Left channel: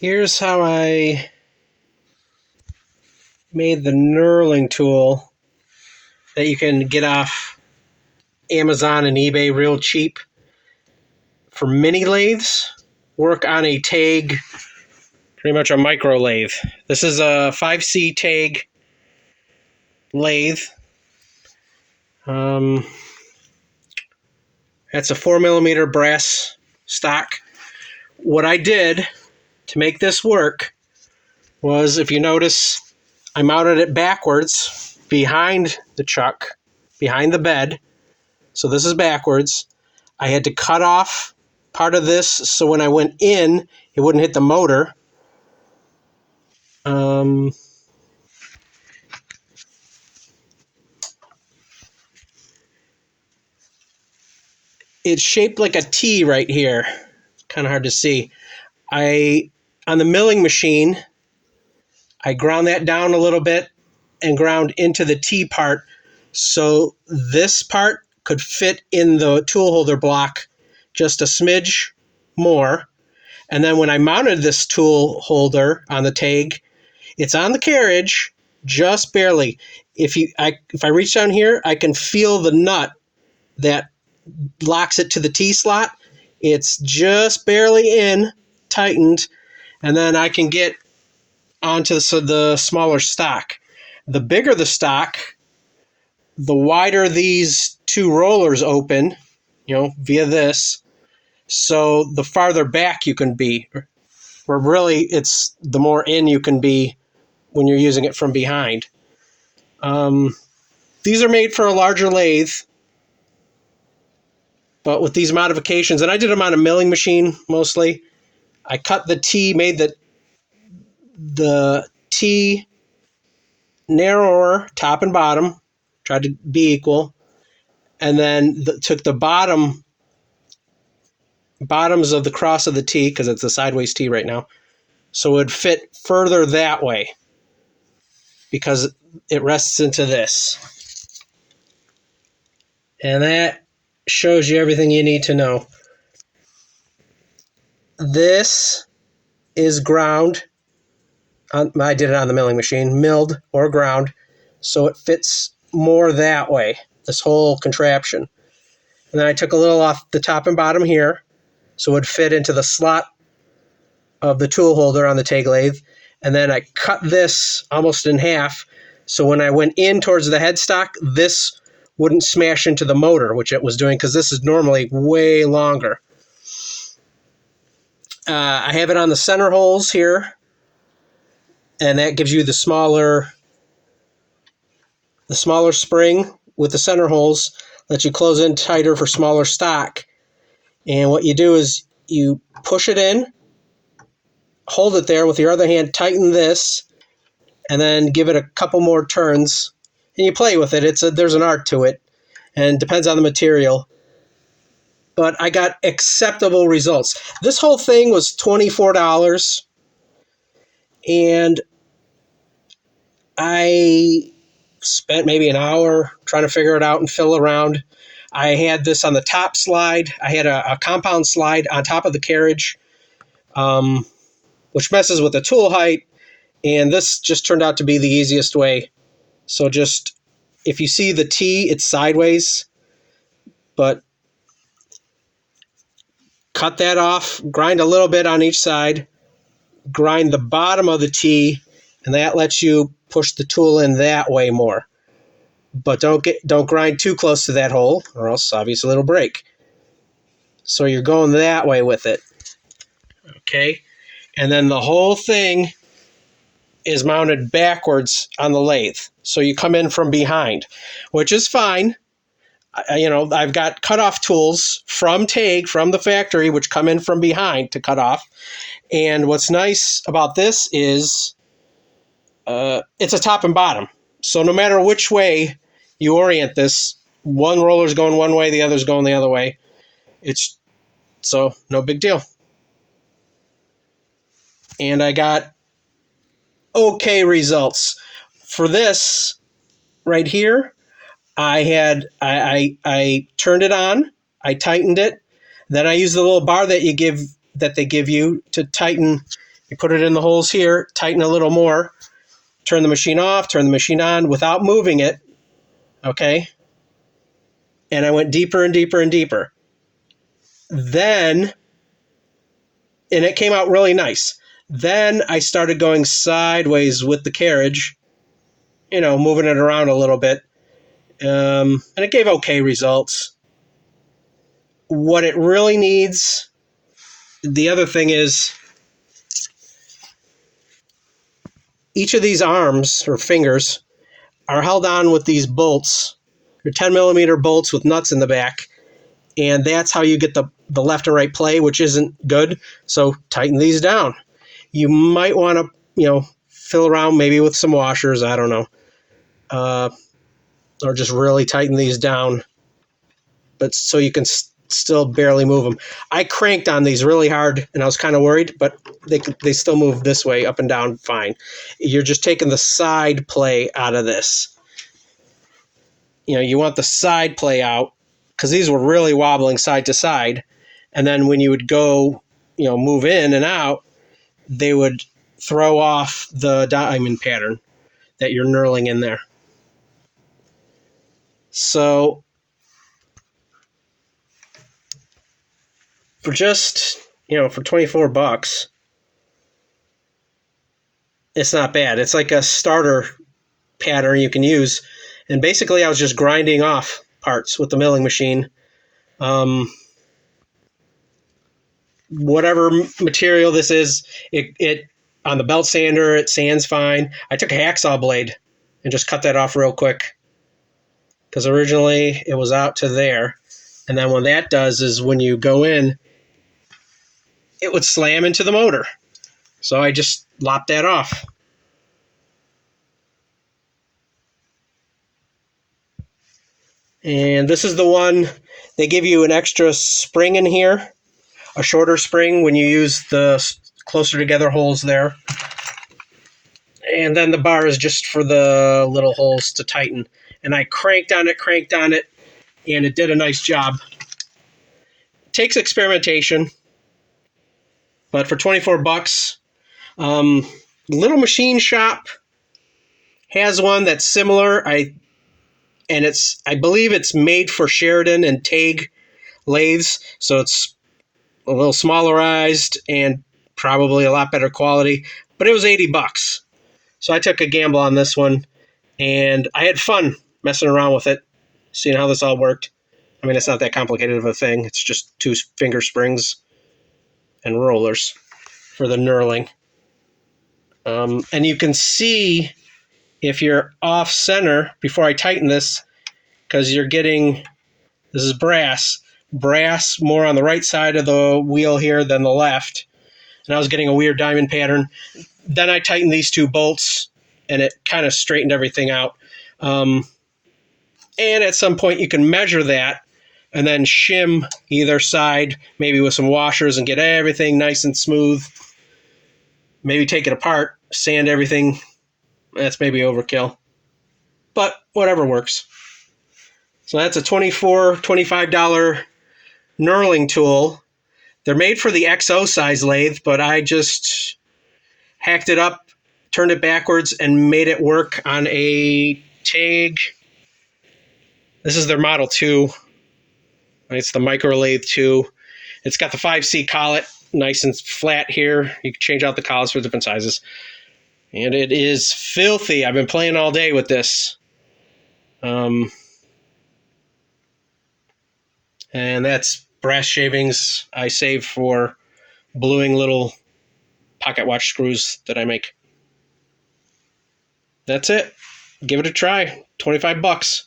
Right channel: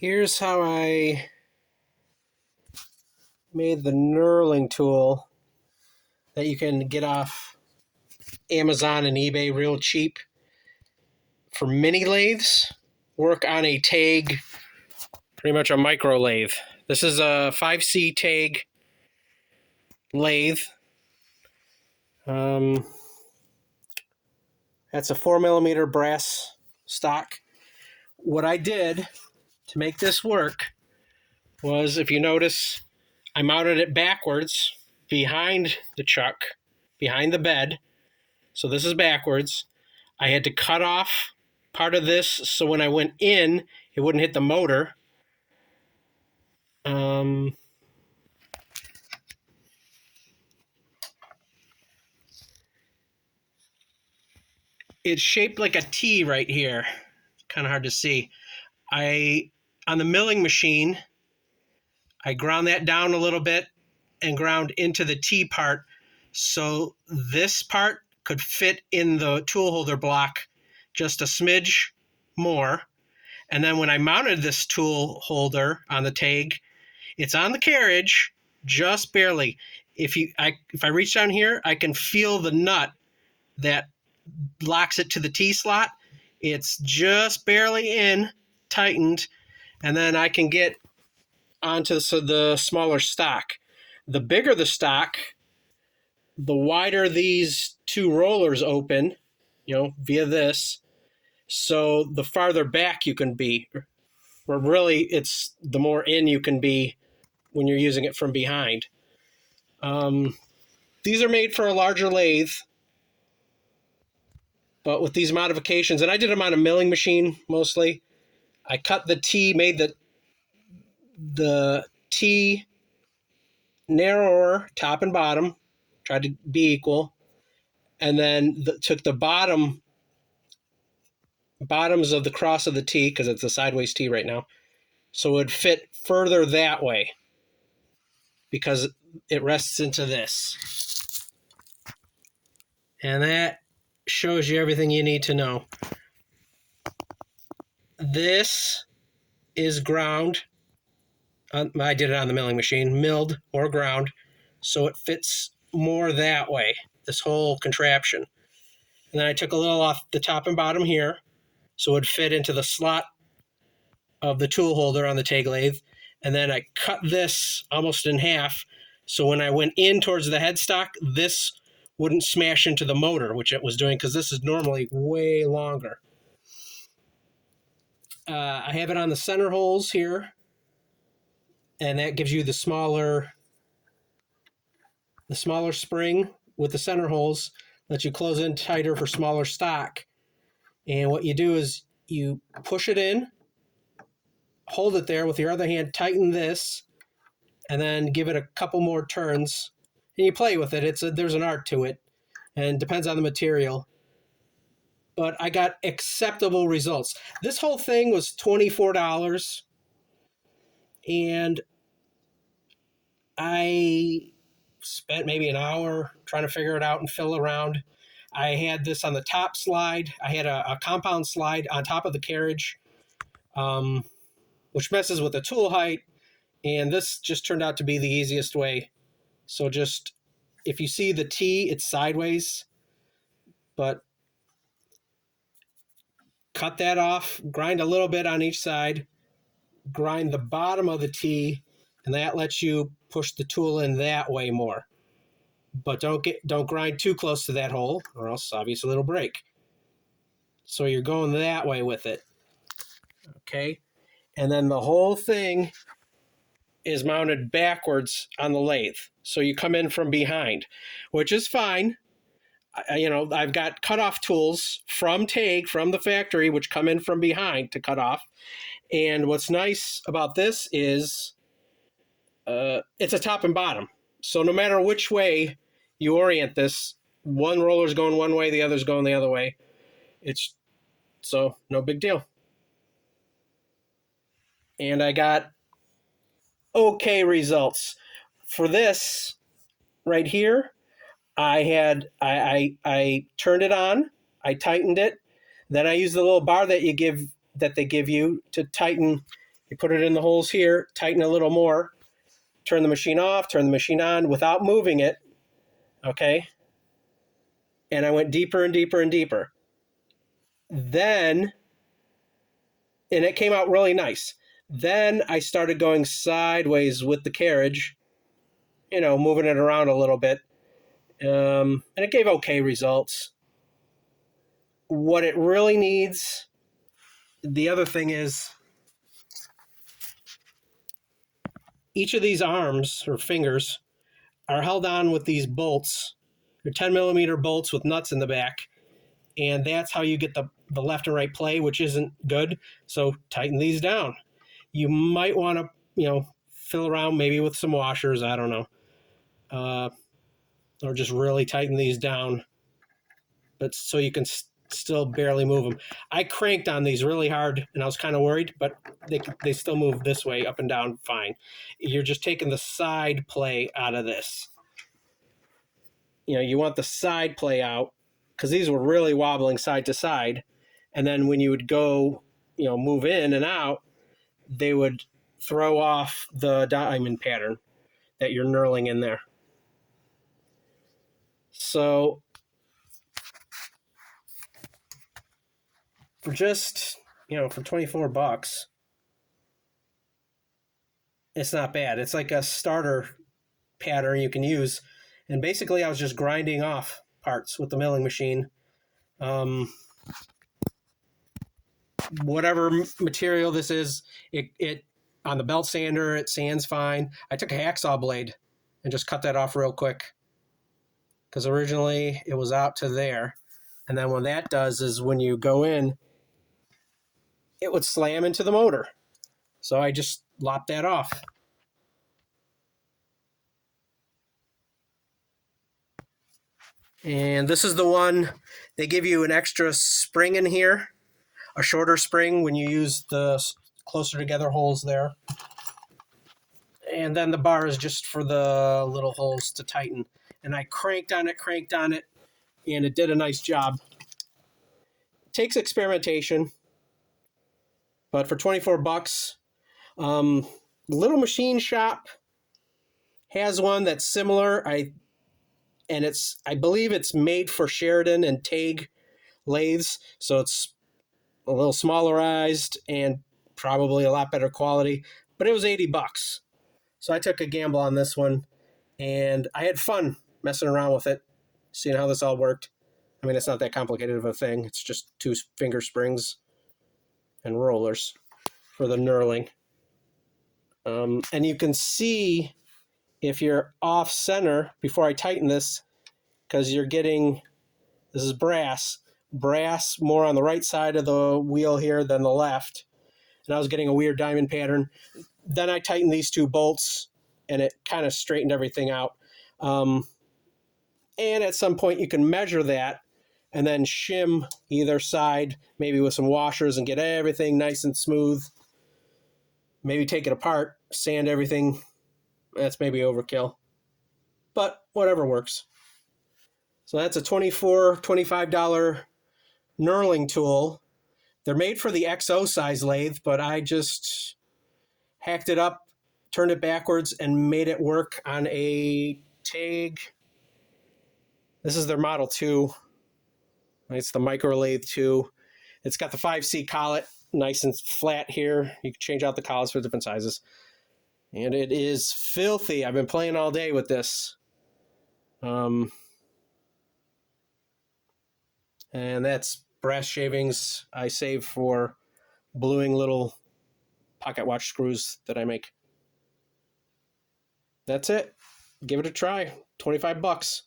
Here's how I made the knurling tool that you can get off Amazon and eBay real cheap for mini lathes. Work on a Taig, pretty much a micro lathe. This is a 5C Taig lathe. That's a 4mm brass stock. What I did to make this work was, if you notice, I mounted it backwards behind the chuck, behind the bed. So this is backwards. I had to cut off part of this so when I went in, it wouldn't hit the motor. It's shaped like a T right here. Kind of hard to see. On the milling machine, I ground that down a little bit and ground into the T part so this part could fit in the tool holder block just a smidge more. And then when I mounted this tool holder on the Taig, it's on the carriage just barely. If I reach down here, I can feel the nut that locks it to the T slot. It's just barely in, tightened, and then I can get onto the smaller stock. The bigger the stock, the wider these two rollers open, via this. So the farther back you can be, or really it's the more in you can be when you're using it from behind. These are made for a larger lathe, but with these modifications, and I did them on a milling machine mostly, I cut the T, made the T narrower, top and bottom, tried to be equal, and then took the bottoms of the cross of the T, because it's a sideways T right now, so it would fit further that way because it rests into this. And that shows you everything you need to know. This is ground. I did it on the milling machine, milled or ground, so it fits more that way, this whole contraption. And then I took a little off the top and bottom here, so it would fit into the slot of the tool holder on the Taig lathe. And then I cut this almost in half, so when I went in towards the headstock, this wouldn't smash into the motor, which it was doing, because this is normally way longer. I have it on the center holes here, and that gives you the smaller spring with the center holes, lets you close in tighter for smaller stock. And what you do is you push it in, hold it there with your other hand, tighten this, and then give it a couple more turns, and you play with it. There's an art to it, and depends on the material. But I got acceptable results. This whole thing was $24, and I spent maybe an hour trying to figure it out and fill around. I had this on the top slide. I had a compound slide on top of the carriage, which messes with the tool height, and this just turned out to be the easiest way. So just, if you see the T, it's sideways, but cut that off, grind a little bit on each side, grind the bottom of the T, and that lets you push the tool in that way more. But don't grind too close to that hole, or else obviously it'll break. So you're going that way with it. Okay? And then the whole thing is mounted backwards on the lathe. So you come in from behind, which is fine. I've got cutoff tools from Taig, from the factory, which come in from behind to cut off. And what's nice about this is it's a top and bottom. So no matter which way you orient this, one roller's going one way, the other's going the other way. So no big deal. And I got okay results. For this right here, I turned it on, I tightened it, then I used the little bar that they give you to tighten You put it in the holes here, tighten a little more, turn the machine off, turn the machine on without moving it, okay? And I went deeper and deeper and deeper. Then, and it came out really nice. Then I started going sideways with the carriage, moving it around a little bit. And it gave okay results. What it really needs, the other thing is, each of these arms or fingers are held on with these bolts. They're 10 millimeter bolts with nuts in the back. And that's how you get the left and right play, which isn't good. So tighten these down. You might want to, fill around maybe with some washers. I don't know. Or just really tighten these down. But so you can still barely move them. I cranked on these really hard and I was kind of worried, but they still move this way, up and down, fine. You're just taking the side play out of this. You want the side play out because these were really wobbling side to side. And then when you would go, move in and out, they would throw off the diamond pattern that you're knurling in there. So for just, for $24, it's not bad. It's like a starter pattern you can use. And basically I was just grinding off parts with the milling machine. Whatever material this is, it on the belt sander, it sands fine. I took a hacksaw blade and just cut that off real quick because originally it was out to there. And then what that does is when you go in, it would slam into the motor. So I just lopped that off. And this is the one, they give you an extra spring in here, a shorter spring when you use the closer together holes there. And then the bar is just for the little holes to tighten. And I cranked on it, and it did a nice job. It takes experimentation, but for $24, Little Machine Shop has one that's similar. I believe it's made for Sheridan and Taig lathes, so it's a little smallerized and probably a lot better quality. But it was $80, so I took a gamble on this one, and I had fun messing around with it, seeing how this all worked. I mean, it's not that complicated of a thing. It's just 2 finger springs and rollers for the knurling. And you can see if you're off center before I tighten this, because you're getting, this is brass more on the right side of the wheel here than the left. And I was getting a weird diamond pattern. Then I tightened these 2 bolts and it kind of straightened everything out. And at some point you can measure that and then shim either side, maybe with some washers, and get everything nice and smooth. Maybe take it apart, sand everything. That's maybe overkill, but whatever works. So that's a $25 knurling tool. They're made for the XO size lathe, but I just hacked it up, turned it backwards, and made it work on a Taig. This is their Model 2. It's the micro lathe 2. It's got the 5C collet, nice and flat here. You can change out the collets for different sizes. And it is filthy. I've been playing all day with this. And that's brass shavings I save for bluing little pocket watch screws that I make. That's it. Give it a try. $25.